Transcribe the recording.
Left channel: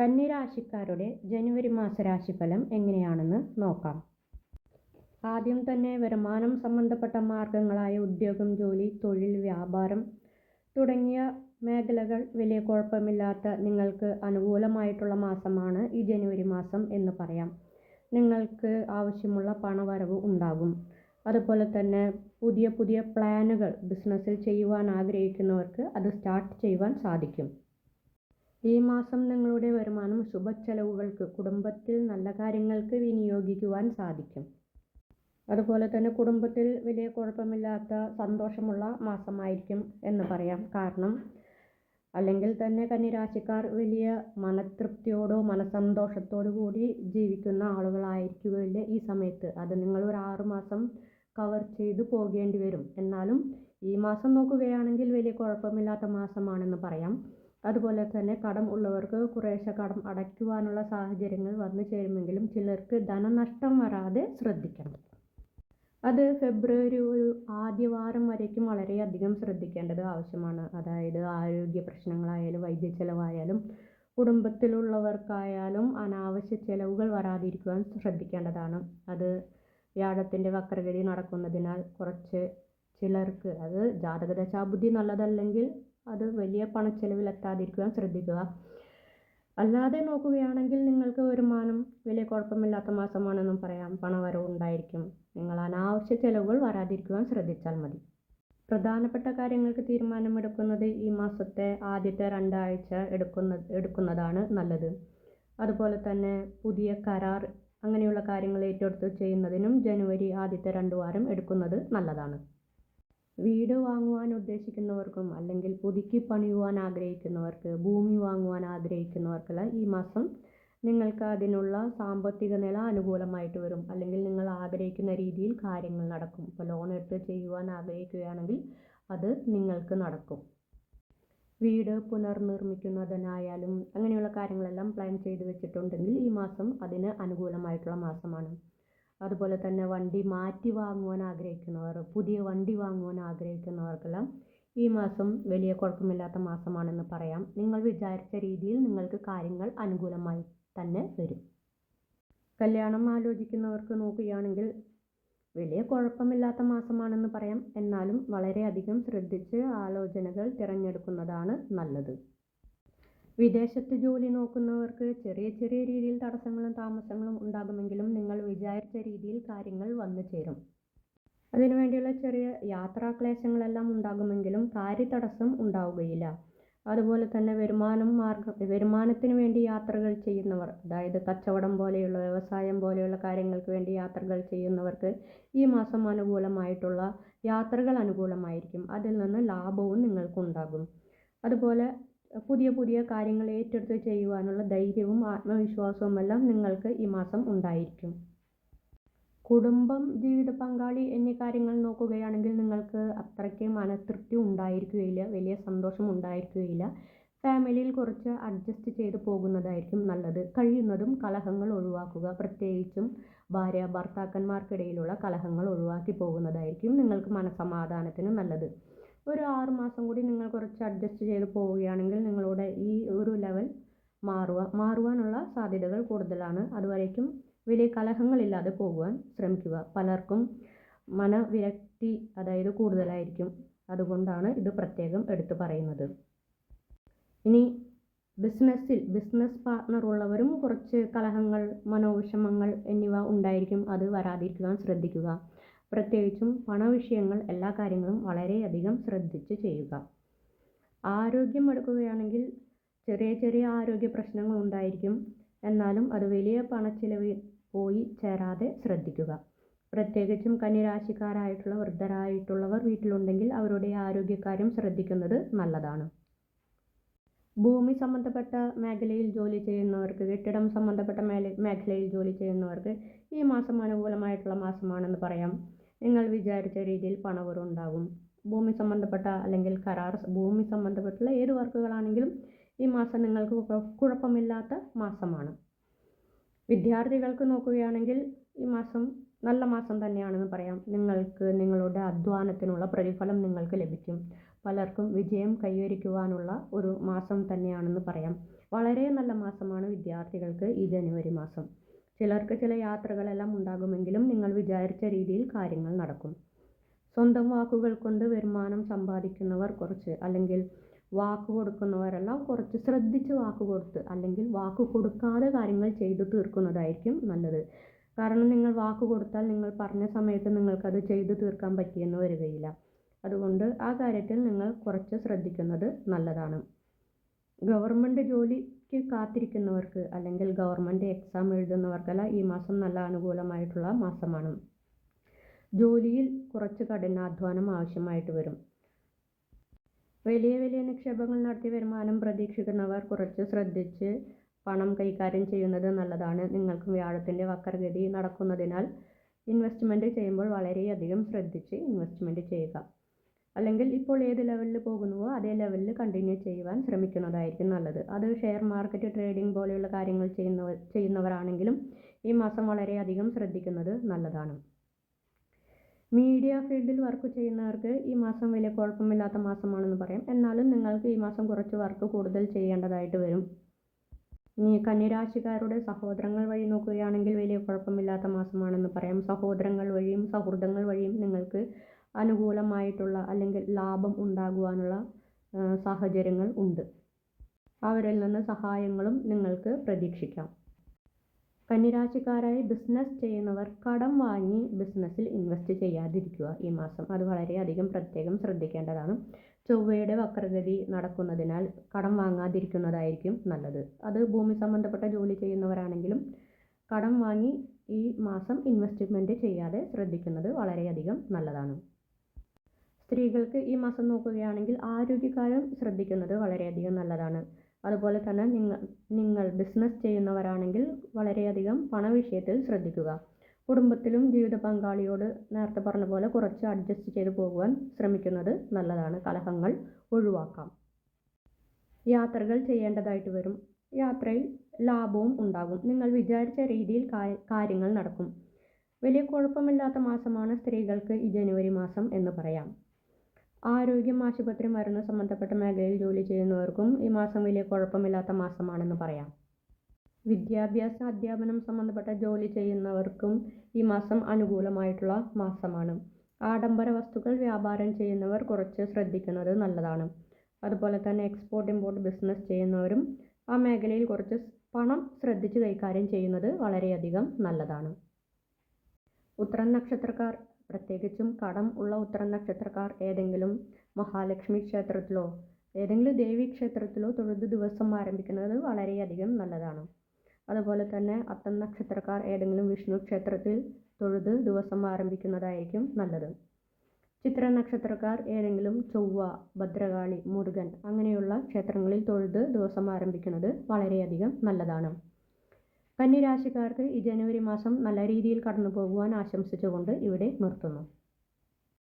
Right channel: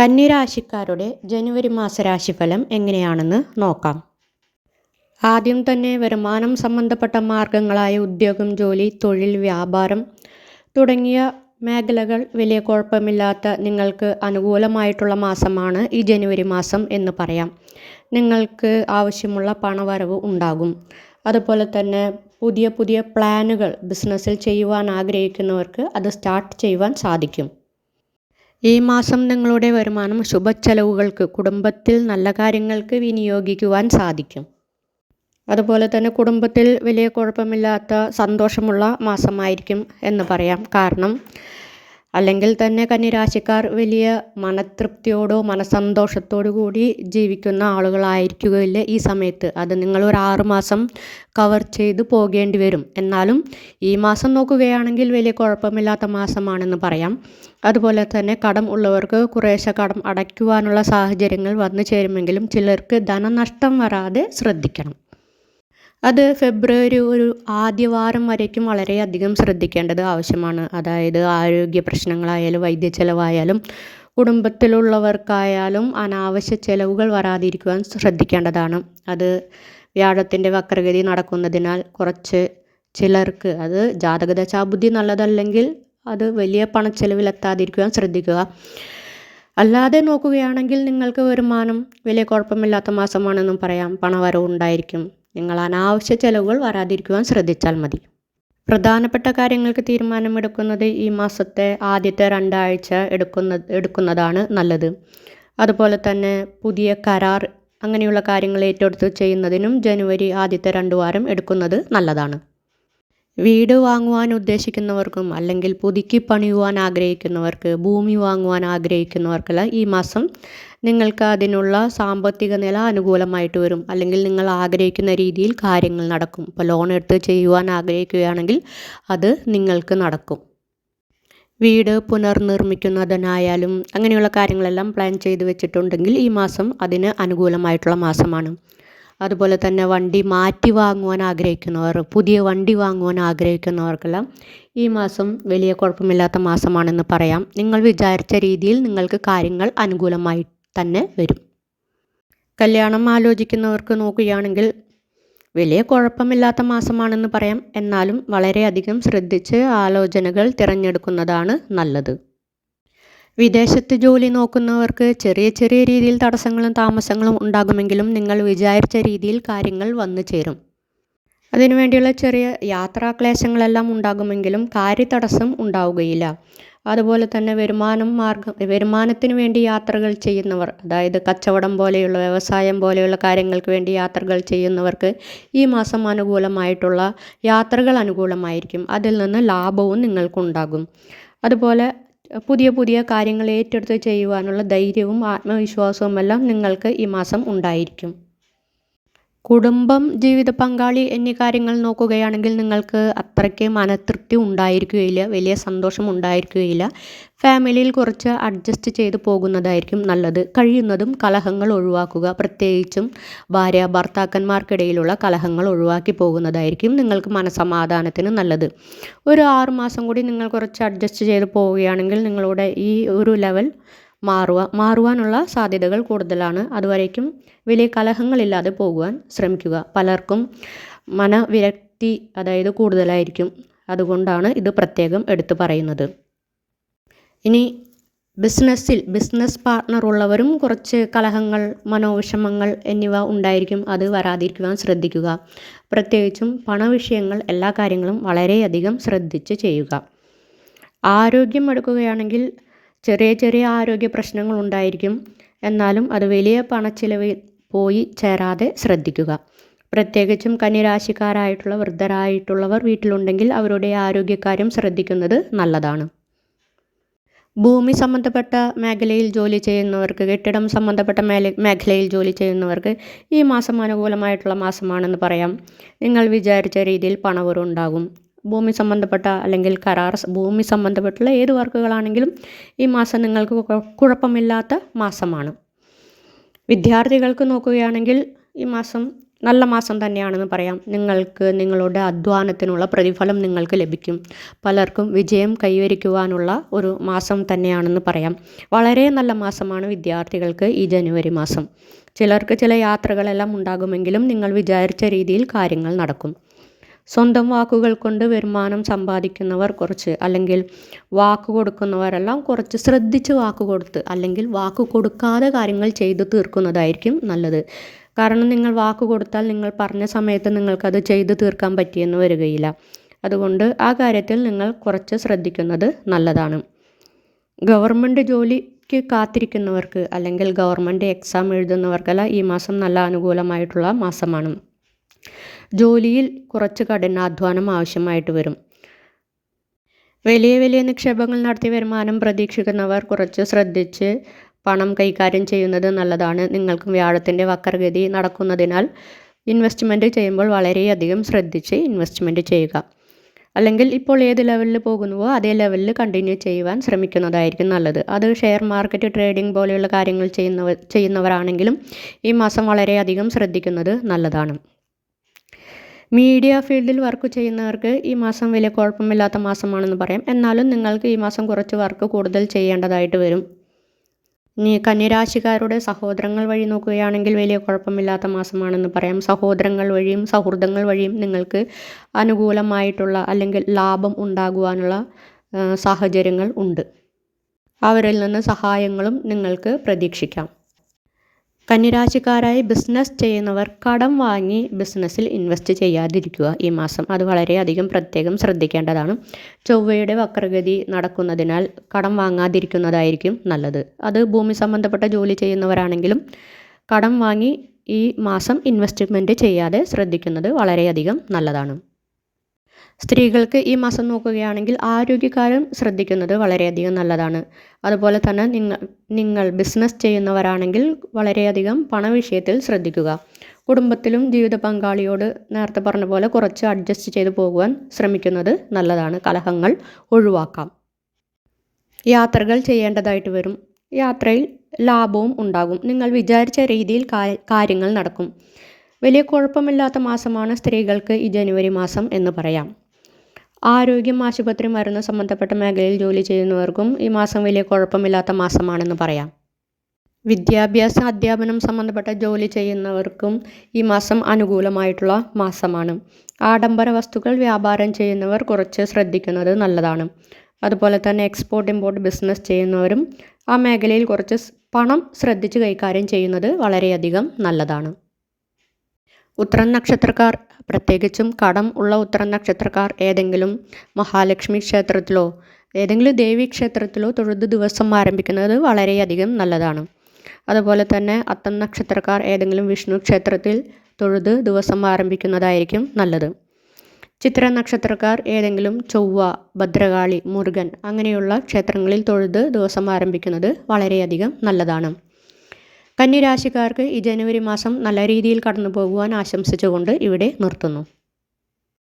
കന്നിരാശിക്കാരുടെ ജനുവരി മാസ രാശിഫലം എങ്ങനെയാണെന്ന് നോക്കാം. ആദ്യം തന്നെ വരുമാനം സംബന്ധപ്പെട്ട മാർഗങ്ങളായ ഉദ്യോഗം ജോലി തൊഴിൽ വ്യാപാരം തുടങ്ങിയ മേഖലകൾ വലിയ കുഴപ്പമില്ലാത്ത നിങ്ങൾക്ക് അനുകൂലമായിട്ടുള്ള മാസമാണ് ഈ ജനുവരി മാസം എന്ന് പറയാം. നിങ്ങൾക്ക് ആവശ്യമുള്ള പണവരവ് ഉണ്ടാകും. അതുപോലെ തന്നെ പുതിയ പുതിയ പ്ലാനുകൾ ബിസിനസ്സിൽ ചെയ്യുവാൻ ആഗ്രഹിക്കുന്നവർക്ക് അത് സ്റ്റാർട്ട് ചെയ്യുവാൻ സാധിക്കും. ഈ മാസം നിങ്ങളുടെ വരുമാനം ശുഭച്ചെലവുകൾക്ക് കുടുംബത്തിൽ നല്ല കാര്യങ്ങൾക്ക് വിനിയോഗിക്കുവാൻ സാധിക്കും. അതുപോലെ തന്നെ കുടുംബത്തിൽ വലിയ കുഴപ്പമില്ലാത്ത സന്തോഷമുള്ള മാസമായിരിക്കും എന്ന് പറയാം. കാരണം അല്ലെങ്കിൽ തന്നെ കന്നിരാശിക്കാർ വലിയ മനതൃപ്തിയോടോ മനസന്തോഷത്തോടു കൂടി ജീവിക്കുന്ന ആളുകളായിരിക്കുകയില്ല ഈ സമയത്ത്. അത് നിങ്ങൾ ഒരു ആറു മാസം കവർ ചെയ്ത് പോകേണ്ടി വരും. എന്നാലും ഈ മാസം നോക്കുകയാണെങ്കിൽ വലിയ കുഴപ്പമില്ലാത്ത മാസമാണെന്ന് പറയാം. അതുപോലെ തന്നെ കടം ഉള്ളവർക്ക് കുറേശ്ശെ കടം അടയ്ക്കുവാനുള്ള സാഹചര്യങ്ങൾ വന്നു ചേരുമെങ്കിലും ചിലർക്ക് ധനനഷ്ടം വരാതെ ശ്രദ്ധിക്കണം. അത് ഫെബ്രുവരി ഒരു ആദ്യവാരം വരേക്കും വളരെയധികം ശ്രദ്ധിക്കേണ്ടത് ആവശ്യമാണ്. അതായത് ആരോഗ്യ പ്രശ്നങ്ങളായാലും വൈദ്യ ചെലവായാലും കുടുംബത്തിലുള്ളവർക്കായാലും അനാവശ്യ ചെലവുകൾ വരാതിരിക്കുവാൻ ശ്രദ്ധിക്കേണ്ടതാണ്. അത് വ്യാഴത്തിന്റെ വക്രഗതി നടക്കുന്നതിനാൽ കുറച്ച് ചിലർക്ക് അത് ജാതകദശാബുദ്ധി നല്ലതല്ലെങ്കിൽ അത് വലിയ പണച്ചെലവിലെത്താതിരിക്കുവാൻ ശ്രദ്ധിക്കുക. അല്ലാതെ നോക്കുകയാണെങ്കിൽ നിങ്ങൾക്ക് വരുമാനം വലിയ കുഴപ്പമില്ലാത്ത മാസമാണെന്നും പറയാം. പണവരവ് ഉണ്ടായിരിക്കും. നിങ്ങൾ അനാവശ്യ ചെലവുകൾ വരാതിരിക്കുവാൻ ശ്രദ്ധിച്ചാൽ മതി. പ്രധാനപ്പെട്ട കാര്യങ്ങൾക്ക് തീരുമാനമെടുക്കുന്നത് ഈ മാസത്തെ ആദ്യത്തെ രണ്ടാഴ്ച എടുക്കുന്ന എടുക്കുന്നതാണ് നല്ലത്. അതുപോലെ തന്നെ പുതിയ കരാർ അങ്ങനെയുള്ള കാര്യങ്ങൾ ഏറ്റെടുത്ത് ചെയ്യുന്നതിനും ജനുവരി ആദ്യത്തെ രണ്ട് വാരം എടുക്കുന്നത് നല്ലതാണ്. വീട് വാങ്ങുവാൻ ഉദ്ദേശിക്കുന്നവർക്കും അല്ലെങ്കിൽ പുതുക്കി പണിയുവാൻ ആഗ്രഹിക്കുന്നവർക്ക് ഭൂമി വാങ്ങുവാൻ ആഗ്രഹിക്കുന്നവർക്കെല്ലാം ഈ മാസം നിങ്ങൾക്ക് അതിനുള്ള സാമ്പത്തിക നില അനുകൂലമായിട്ട് വരും. അല്ലെങ്കിൽ നിങ്ങൾ ആഗ്രഹിക്കുന്ന രീതിയിൽ കാര്യങ്ങൾ നടക്കും. ഇപ്പോൾ ലോൺ എടുത്ത് ചെയ്യുവാൻ ആഗ്രഹിക്കുകയാണെങ്കിൽ അത് നിങ്ങൾക്ക് നടക്കും. വീട് പുനർനിർമ്മിക്കുന്നതിനായാലും അങ്ങനെയുള്ള കാര്യങ്ങളെല്ലാം പ്ലാൻ ചെയ്ത് വെച്ചിട്ടുണ്ടെങ്കിൽ ഈ മാസം അതിന് അനുകൂലമായിട്ടുള്ള മാസമാണ്. അതുപോലെ തന്നെ വണ്ടി മാറ്റി വാങ്ങുവാൻ ആഗ്രഹിക്കുന്നവർ പുതിയ വണ്ടി വാങ്ങുവാൻ ആഗ്രഹിക്കുന്നവർക്കെല്ലാം ഈ മാസം വലിയ കുഴപ്പമില്ലാത്ത മാസമാണെന്ന് പറയാം. നിങ്ങൾ വിചാരിച്ച രീതിയിൽ നിങ്ങൾക്ക് കാര്യങ്ങൾ അനുകൂലമായി തന്നെ വരും. കല്യാണം ആലോചിക്കുന്നവർക്ക് നോക്കുകയാണെങ്കിൽ വലിയ കുഴപ്പമില്ലാത്ത മാസമാണെന്ന് പറയാം. എന്നാലും വളരെയധികം ശ്രദ്ധിച്ച് ആലോചനകൾ തിരഞ്ഞെടുക്കുന്നതാണ് നല്ലത്. വിദേശത്ത് ജോലി നോക്കുന്നവർക്ക് ചെറിയ ചെറിയ രീതിയിൽ തടസ്സങ്ങളും താമസങ്ങളും ഉണ്ടാകുമെങ്കിലും നിങ്ങൾ വിചാരിച്ച രീതിയിൽ കാര്യങ്ങൾ വന്നു ചേരും. അതിനുവേണ്ടിയുള്ള ചെറിയ യാത്രാക്ലേശങ്ങളെല്ലാം ഉണ്ടാകുമെങ്കിലും കാര്യതടസ്സം ഉണ്ടാവുകയില്ല. അതുപോലെ തന്നെ വരുമാനം മാർഗം വരുമാനത്തിന് വേണ്ടി യാത്രകൾ ചെയ്യുന്നവർ അതായത് കച്ചവടം പോലെയുള്ള വ്യവസായം പോലെയുള്ള കാര്യങ്ങൾക്ക് വേണ്ടി യാത്രകൾ ചെയ്യുന്നവർക്ക് ഈ മാസം അനുകൂലമായിട്ടുള്ള യാത്രകൾ അനുകൂലമായിരിക്കും. അതിൽ നിന്ന് ലാഭവും നിങ്ങൾക്കുണ്ടാകും. അതുപോലെ പുതിയ പുതിയ കാര്യങ്ങൾ ഏറ്റെടുത്ത് ചെയ്യുവാനുള്ള ധൈര്യവും ആത്മവിശ്വാസവും എല്ലാം നിങ്ങൾക്ക് ഈ മാസം ഉണ്ടായിരിക്കും. കുടുംബം ജീവിത പങ്കാളി എന്നീ കാര്യങ്ങൾ നോക്കുകയാണെങ്കിൽ നിങ്ങൾക്ക് അത്രയ്ക്ക് മനതൃപ്തി ഉണ്ടായിരിക്കുകയില്ല വലിയ സന്തോഷം ഉണ്ടായിരിക്കുകയില്ല. ഫാമിലിയിൽ കുറച്ച് അഡ്ജസ്റ്റ് ചെയ്ത് പോകുന്നതായിരിക്കും നല്ലത്. കഴിയുന്നതും കലഹങ്ങൾ ഒഴിവാക്കുക പ്രത്യേകിച്ചും ഭാര്യ ഭർത്താക്കന്മാർക്കിടയിലുള്ള കലഹങ്ങൾ ഒഴിവാക്കി പോകുന്നതായിരിക്കും നിങ്ങൾക്ക് മനസമാധാനത്തിന് നല്ലത്. ഒരു ആറുമാസം കൂടി നിങ്ങൾ കുറച്ച് അഡ്ജസ്റ്റ് ചെയ്ത് പോവുകയാണെങ്കിൽ നിങ്ങളുടെ ഈ ഒരു ലെവൽ മാറുക മാറുവാനുള്ള സാധ്യതകൾ കൂടുതലാണ്. അതുവരേക്കും വലിയ കലഹങ്ങളില്ലാതെ പോകുവാൻ ശ്രമിക്കുക. പലർക്കും മനവിരക്തി അതായത് കൂടുതലായിരിക്കും. അതുകൊണ്ടാണ് ഇത് പ്രത്യേകം എടുത്തു പറയുന്നത്. ഇനി ബിസിനസ്സിൽ ബിസിനസ് പാർട്ണർ ഉള്ളവരും കുറച്ച് കലഹങ്ങൾ മനോവിഷമങ്ങൾ എന്നിവ ഉണ്ടായിരിക്കും അത് വരാതിരിക്കുവാൻ ശ്രദ്ധിക്കുക. പ്രത്യേകിച്ചും പണവിഷയങ്ങൾ എല്ലാ കാര്യങ്ങളും വളരെയധികം ശ്രദ്ധിച്ച് ചെയ്യുക. ആരോഗ്യം എടുക്കുകയാണെങ്കിൽ ചെറിയ ചെറിയ ആരോഗ്യ പ്രശ്നങ്ങൾ ഉണ്ടായിരിക്കും എന്നാലും അത് വലിയ പണച്ചിലവിൽ പോയി ചേരാതെ ശ്രദ്ധിക്കുക. പ്രത്യേകിച്ചും കന്നിരാശിക്കാരായിട്ടുള്ള വൃദ്ധരായിട്ടുള്ളവർ വീട്ടിലുണ്ടെങ്കിൽ അവരുടെ ആരോഗ്യകാര്യം ശ്രദ്ധിക്കുന്നത് നല്ലതാണ്. ഭൂമി സംബന്ധപ്പെട്ട മേഖലയിൽ ജോലി ചെയ്യുന്നവർക്ക് കെട്ടിടം സംബന്ധപ്പെട്ട മേല മേഖലയിൽ ജോലി ചെയ്യുന്നവർക്ക് ഈ മാസം അനുകൂലമായിട്ടുള്ള മാസമാണെന്ന് പറയാം. നിങ്ങൾ വിചാരിച്ച രീതിയിൽ പണവറുണ്ടാകും ഭൂമി സംബന്ധപ്പെട്ട അല്ലെങ്കിൽ കരാർ ഭൂമി സംബന്ധപ്പെട്ടുള്ള ഏത് വർക്കുകളാണെങ്കിലും ഈ മാസം നിങ്ങൾക്ക് കുഴപ്പമില്ലാത്ത മാസമാണ്. വിദ്യാർത്ഥികൾക്ക് നോക്കുകയാണെങ്കിൽ ഈ മാസം നല്ല മാസം തന്നെയാണെന്ന് പറയാം. നിങ്ങൾക്ക് നിങ്ങളുടെ അധ്വാനത്തിനുള്ള പ്രതിഫലം നിങ്ങൾക്ക് ലഭിക്കും. പലർക്കും വിജയം കൈവരിക്കുവാനുള്ള ഒരു മാസം തന്നെയാണെന്ന് പറയാം. വളരെ നല്ല മാസമാണ് വിദ്യാർത്ഥികൾക്ക് ഈ ജനുവരി മാസം. ചിലർക്ക് ചില യാത്രകളെല്ലാം ഉണ്ടാകുമെങ്കിലും നിങ്ങൾ വിചാരിച്ച രീതിയിൽ കാര്യങ്ങൾ നടക്കും. സ്വന്തം വാക്കുകൾ കൊണ്ട് വരുമാനം സമ്പാദിക്കുന്നവർ കുറച്ച് അല്ലെങ്കിൽ വാക്ക് കൊടുക്കുന്നവരെല്ലാം കുറച്ച് ശ്രദ്ധിച്ച് വാക്ക് കൊടുത്ത് അല്ലെങ്കിൽ വാക്ക് കൊടുക്കാതെ കാര്യങ്ങൾ ചെയ്തു തീർക്കുന്നതായിരിക്കും നല്ലത്. കാരണം നിങ്ങൾ വാക്ക് കൊടുത്താൽ നിങ്ങൾ പറഞ്ഞ സമയത്ത് നിങ്ങൾക്കത് ചെയ്തു തീർക്കാൻ പറ്റിയെന്ന് വരികയില്ല. അതുകൊണ്ട് ആ കാര്യത്തിൽ നിങ്ങൾ കുറച്ച് ശ്രദ്ധിക്കുന്നത് നല്ലതാണ്. ഗവൺമെന്റ് ജോലിക്ക് കാത്തിരിക്കുന്നവർക്ക് അല്ലെങ്കിൽ ഗവൺമെന്റ് എക്സാം എഴുതുന്നവർക്കെല്ലാം ഈ മാസം നല്ല അനുകൂലമായിട്ടുള്ള മാസമാണ്. ജോലിയിൽ കുറച്ച് കഠിനാധ്വാനം ആവശ്യമായിട്ട് വരും. വലിയ വലിയ നിക്ഷേപങ്ങൾ നടത്തി വരുമാനം പ്രതീക്ഷിക്കുന്നവർ കുറച്ച് ശ്രദ്ധിച്ച് പണം കൈകാര്യം ചെയ്യുന്നത് നല്ലതാണ്. നിങ്ങൾക്കും വ്യാഴത്തിന്റെ വക്രഗതി നടക്കുന്നതിനാൽ ഇൻവെസ്റ്റ്മെന്റ് ചെയ്യുമ്പോൾ വളരെയധികം ശ്രദ്ധിച്ച് ഇൻവെസ്റ്റ്മെന്റ് ചെയ്യുക. അല്ലെങ്കിൽ ഇപ്പോൾ ഏത് ലെവലിൽ പോകുന്നുവോ അതേ ലെവലിൽ കണ്ടിന്യൂ ചെയ്യുവാൻ ശ്രമിക്കുന്നതായിരിക്കും നല്ലത്. അത് ഷെയർ മാർക്കറ്റ് ട്രേഡിംഗ് പോലെയുള്ള കാര്യങ്ങൾ ചെയ്യുന്നവർ ചെയ്യുന്നവരാണെങ്കിലും ഈ മാസം വളരെയധികം ശ്രദ്ധിക്കുന്നത് നല്ലതാണ്. മീഡിയ ഫീൽഡിൽ വർക്ക് ചെയ്യുന്നവർക്ക് ഈ മാസം വലിയ കുഴപ്പമില്ലാത്ത മാസമാണെന്ന് പറയാം. എന്നാലും നിങ്ങൾക്ക് ഈ മാസം കുറച്ച് വർക്ക് കൂടുതൽ ചെയ്യേണ്ടതായിട്ട് വരും. ഇനി കന്യരാശിക്കാരുടെ സഹോദരങ്ങൾ വഴി നോക്കുകയാണെങ്കിൽ വലിയ കുഴപ്പമില്ലാത്ത മാസമാണെന്ന് പറയാം. സഹോദരങ്ങൾ വഴിയും സൗഹൃദങ്ങൾ വഴിയും നിങ്ങൾക്ക് അനുകൂലമായിട്ടുള്ള അല്ലെങ്കിൽ ലാഭം ഉണ്ടാകുവാനുള്ള സാഹചര്യങ്ങൾ ഉണ്ട്. അവരിൽ നിന്ന് സഹായങ്ങളും നിങ്ങൾക്ക് പ്രതീക്ഷിക്കാം. കന്നിരാശിക്കാരായി ബിസിനസ് ചെയ്യുന്നവർ കടം വാങ്ങി ബിസിനസ്സിൽ ഇൻവെസ്റ്റ് ചെയ്യാതിരിക്കുക ഈ മാസം. അത് വളരെയധികം പ്രത്യേകം ശ്രദ്ധിക്കേണ്ടതാണ്. ചൊവ്വയുടെ വക്രഗതി നടക്കുന്നതിനാൽ കടം വാങ്ങാതിരിക്കുന്നതായിരിക്കും നല്ലത്. അത് ഭൂമി സംബന്ധപ്പെട്ട ജോലി ചെയ്യുന്നവരാണെങ്കിലും കടം വാങ്ങി ഈ മാസം ഇൻവെസ്റ്റ്മെന്റ് ചെയ്യാതെ ശ്രദ്ധിക്കുന്നത് വളരെയധികം നല്ലതാണ്. സ്ത്രീകൾക്ക് ഈ മാസം നോക്കുകയാണെങ്കിൽ ആരോഗ്യകാര്യം ശ്രദ്ധിക്കുന്നത് വളരെയധികം നല്ലതാണ്. അതുപോലെ തന്നെ നിങ്ങൾ നിങ്ങൾ ബിസിനസ് ചെയ്യുന്നവരാണെങ്കിൽ വളരെയധികം പണവിഷയത്തിൽ ശ്രദ്ധിക്കുക. കുടുംബത്തിലും ജീവിത പങ്കാളിയോട് നേരത്തെ പറഞ്ഞ പോലെ കുറച്ച് അഡ്ജസ്റ്റ് ചെയ്ത് പോകുവാൻ ശ്രമിക്കുന്നത് നല്ലതാണ്. കലഹങ്ങൾ ഒഴിവാക്കാം. യാത്രകൾ ചെയ്യേണ്ടതായിട്ട് വരും. യാത്രയിൽ ലാഭവും ഉണ്ടാകും. നിങ്ങൾ വിചാരിച്ച രീതിയിൽ കാര്യങ്ങൾ നടക്കും. വലിയ കുഴപ്പമില്ലാത്ത മാസമാണ് സ്ത്രീകൾക്ക് ഈ ജനുവരി മാസം എന്ന് പറയാം. ആരോഗ്യം ആശുപത്രി മരുന്ന് സംബന്ധപ്പെട്ട മേഖലയിൽ ജോലി ചെയ്യുന്നവർക്കും ഈ മാസം വലിയ കുഴപ്പമില്ലാത്ത മാസമാണെന്ന് പറയാം. വിദ്യാഭ്യാസ അധ്യാപനം സംബന്ധപ്പെട്ട ജോലി ചെയ്യുന്നവർക്കും ഈ മാസം അനുകൂലമായിട്ടുള്ള മാസമാണ്. ആഡംബര വസ്തുക്കൾ വ്യാപാരം ചെയ്യുന്നവർ കുറച്ച് ശ്രദ്ധിക്കുന്നത് നല്ലതാണ്. അതുപോലെ തന്നെ എക്സ്പോർട്ട് ഇമ്പോർട്ട് ബിസിനസ് ചെയ്യുന്നവരും ആ മേഖലയിൽ കുറച്ച് പണം ശ്രദ്ധിച്ച് കൈകാര്യം ചെയ്യുന്നത് വളരെയധികം നല്ലതാണ്. ഉത്തരം നക്ഷത്രക്കാർ പ്രത്യേകിച്ചും കടം ഉള്ള ഉത്തര നക്ഷത്രക്കാർ ഏതെങ്കിലും മഹാലക്ഷ്മി ക്ഷേത്രത്തിലോ ഏതെങ്കിലും ദേവി ക്ഷേത്രത്തിലോ തൊഴുത് ദിവസം ആരംഭിക്കുന്നത് വളരെയധികം നല്ലതാണ്. അതുപോലെ തന്നെ അത്തം നക്ഷത്രക്കാർ ഏതെങ്കിലും വിഷ്ണു ക്ഷേത്രത്തിൽ തൊഴുത് ദിവസം ആരംഭിക്കുന്നതായിരിക്കും നല്ലത്. ചിത്ര നക്ഷത്രക്കാർ ഏതെങ്കിലും ചൊവ്വ ഭദ്രകാളി മുരുകൻ അങ്ങനെയുള്ള ക്ഷേത്രങ്ങളിൽ തൊഴുത് ദിവസം ആരംഭിക്കുന്നത് വളരെയധികം നല്ലതാണ്. കന്നിരാശിക്കാർക്ക് ഈ ജനുവരി മാസം നല്ല രീതിയിൽ കടന്നു പോകുവാൻ ആശംസിച്ചുകൊണ്ട് ഇവിടെ നിർത്തുന്നു.